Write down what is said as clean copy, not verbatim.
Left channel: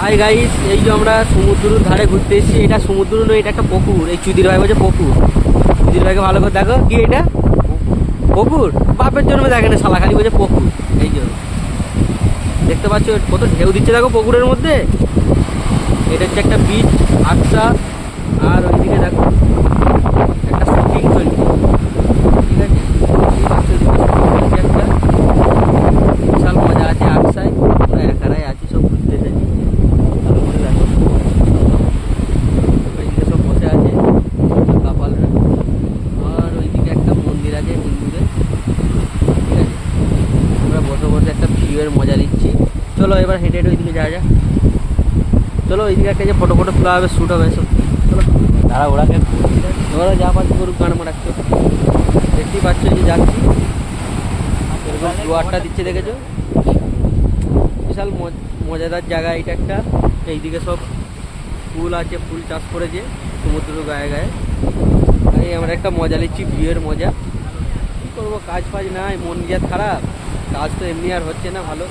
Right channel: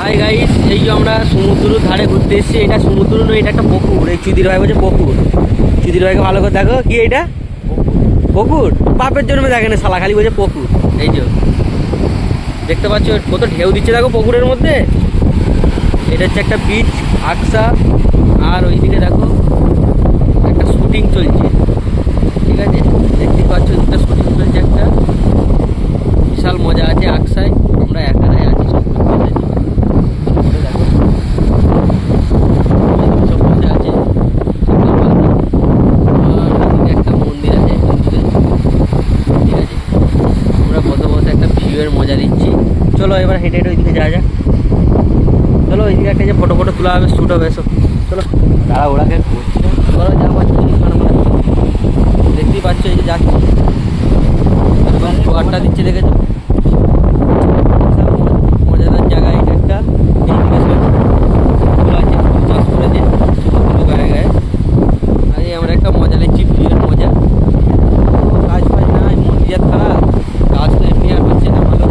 Hi guys, এই যে আমরা সমুদ্রের ধারে ঘুরতে এসেছি। এটা সমুদ্র নয়, এটা একটা পুকুর। এই চুদির ভাই বলছে পুকুর। চুদির ভাইকে ভালো করে দেখো, কি এটা পুকুর? বাপের জন্মে দেখে না শালা, খালি বলছে পুকুর। এই যে দেখতে পাচ্ছ কত ঢেউ দিচ্ছে, দেখো পুকুরের মধ্যে। এটা হচ্ছে একটা বিচ, আকসা। আর ওইদিকে দেখো একটা শুটিং চলছে, ঠিক আছে? দেখতেই পাচ্ছ দুটো শুটিং চলছে একটা। বিশাল মজা আছে আকসায়। আমরা একারাই আছি, সব ঘুরতে এসেছি। ভালো করে দেখো, ওইদিকে সব বসে আছে সকালবেলা। আর ওইদিকে একটা মন্দির আছে হিন্দুদের, ঠিক আছে? আমরা বসে বসে একটা ভিউয়ের মজা নিচ্ছি। চলো এবার হেঁটে হেঁটে ওইদিকে যাওয়া যাক। চলো ওইদিকে একটা যে ফটো তোলা হবে, শ্যুট হবে, এসব চলো। তারা ওরাকে এবার যা পাচ্ছি করুক, কারণ আমরা দেখতেই পাচ্ছ এই যে যাচ্ছি, এরকম জোয়ারটা দিচ্ছে, দেখেছো? বিশাল মজাদার জায়গা এটা একটা। এইদিকে সব ফুল আছে, ফুল চাষ করেছে সমুদ্র গায়ে গায়ে। আর এই আমরা একটা মজা নিচ্ছি, ভিউয়ের মজা। কাজ ফাজ নাই, মন মেজাজ খারাপ, কাজ তো এমনি আর হচ্ছে না ভালো।